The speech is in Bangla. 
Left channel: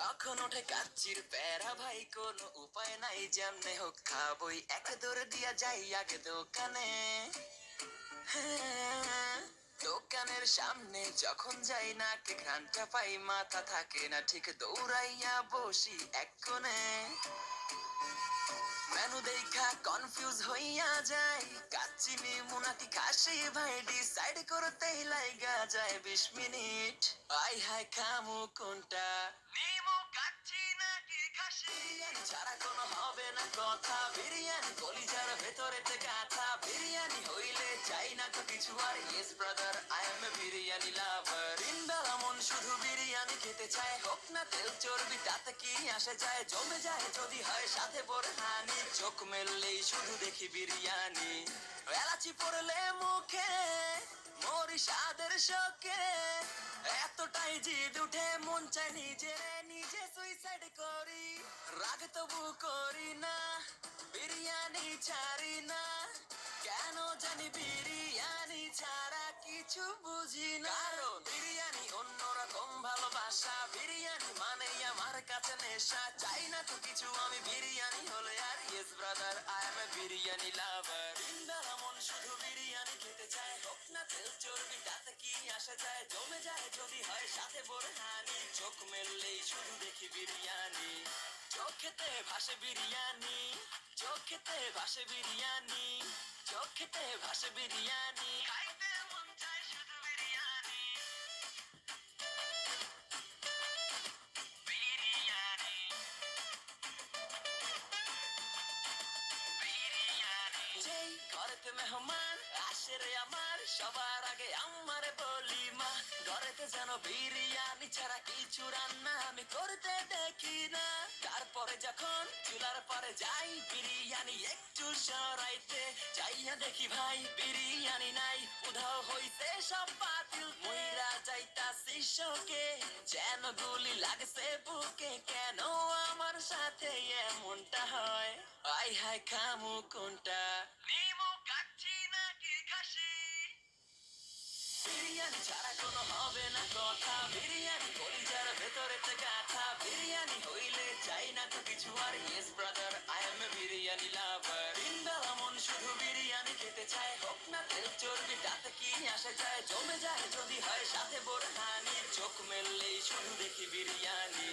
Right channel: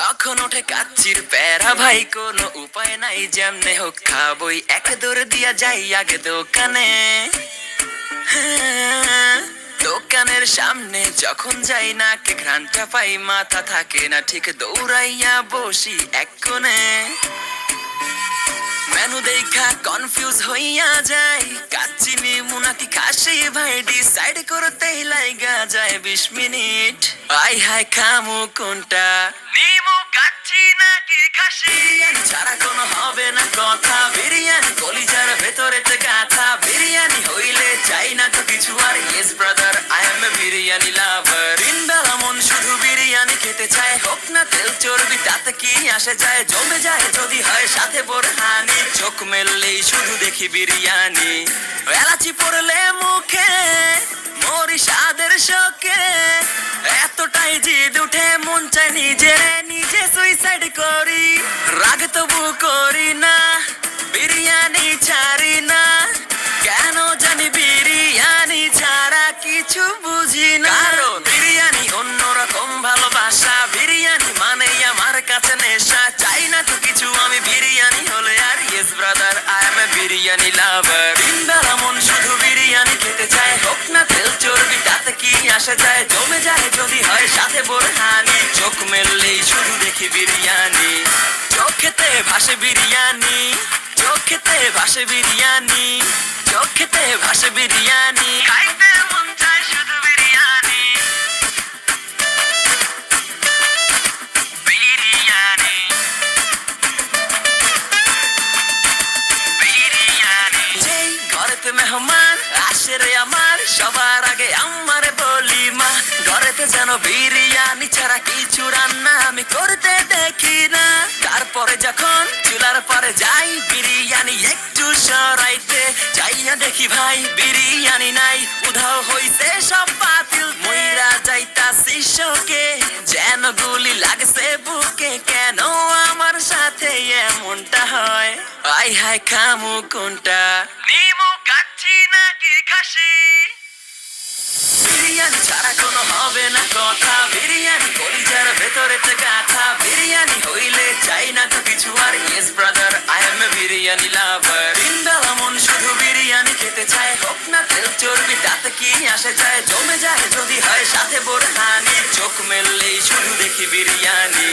যখন ওঠে কাচ্চির প্যারা ভাই কোনো উপায় নাই, যেমনে হোক খাবই, এক দৌড় দিয়া যাই আগে দোকানে। হ্যাঁ, দোকানের সামনে যখন যাই না কে ঘ্রাণটা পাই, মাথা থাকে না ঠিক, দৌড়াইয়া বসি এক কোণে। মেনু দেখা কনফিউজ হইয়া যাই, কাচ্চি নিমু নাকি খাসি ভাই ডিসাইড করতেই লাইগা যায় 20 মিনিট। আই হাই খামু কোনটা, নিমু কাচ্চি নাকি খাসি? বিরিয়ানি ছাড়া কোনো হবে না কথা, বিরিয়ানি কলিজার ভেতরেতে গাথা, বিরিয়ানি হইলে চাই না তো কিছু আর। Yes brother, I M A biryani লাভার। দিনবেলা মন শুধু বিরিয়ানি খেতে চায়, হোক না তেল চর্বি তাতে কি আসে যায়, জমে যায় যদি হয় সাথে বোরহানি। চোখ মেললেই শুধু দেখি বিরিয়ানি, এলাচি পড়লে মুখে মরি স্বাদের শোকে। এতটাই জিদ উঠে মন চায় নিজে সুইসাইড করি, রাগ তবু করি না, বিরিয়ানি ছাড়ি না। কেন জানি বিরিয়ানি ছাড়া কিছু বুঝি না, কারণ বিরিয়ানি অন্যরকম ভালোবাসা, বিরিয়ানি মানেই আমার কাছে নেশা। চাই না তো কিছু আমি বিরিয়ানি হলে আর। Yes brother, I M A biryani লাভার। দিনবেলা মন শুধু বিরিয়ানি খেতে চায়, হোক না তেল চর্বি তাতে কি আসে যায়, জমে যায় যদি হয় সাথে বোরহানি। চোখ মেললেই শুধু দেখি বিরিয়ানি, চোখেতে ভাসে বিরিয়ানি, চোখেতে ভাসে বিরিয়ানি, চোখেতে ভাসে বিরিয়ানি, খাইতে মন চায় শুধু বিরিয়ানি। বিরিয়ানি, বিরিয়ানি। যেই ঘরেতে মেহমান আসে রে আমার, সবার আগে আমারে বলি মা, ঘরেতে যেন বিরিয়ানি ছাড়া কিছু রান্না আমি করতে দেখি না। তারপরে যখন চুলার পরে যাই বিরিয়ানি একটু সরাইতে, যাইয়া দেখি ভাই বিরিয়ানি নাই, উধাও হইছে সব বাতিল। মইরা যাইতাছি শোকে, যেন গুলি লাগছে বুকে, কেন আমার সাথে এমনটা হয়? আই হাই খামু কোনটা, নিমু কাচ্চি নাকি খাসি? বিরিয়ানি ছাড়া কোনো হবে না কথা, বিরিয়ানি কলিজার ভেতরেতে গাথা, বিরিয়ানি হইলে চাই না তো কিছু আর। Yes brother, I M A biryani লাভার। দিনবেলা মন শুধু বিরিয়ানি খেতে চায়, হোক না তেল চর্বি তাতে কি আসে যায়, জমে যায় যদি হয় সাথে বোরহানি। চোখ মেললেই শুধু দেখি বিরিয়ানি।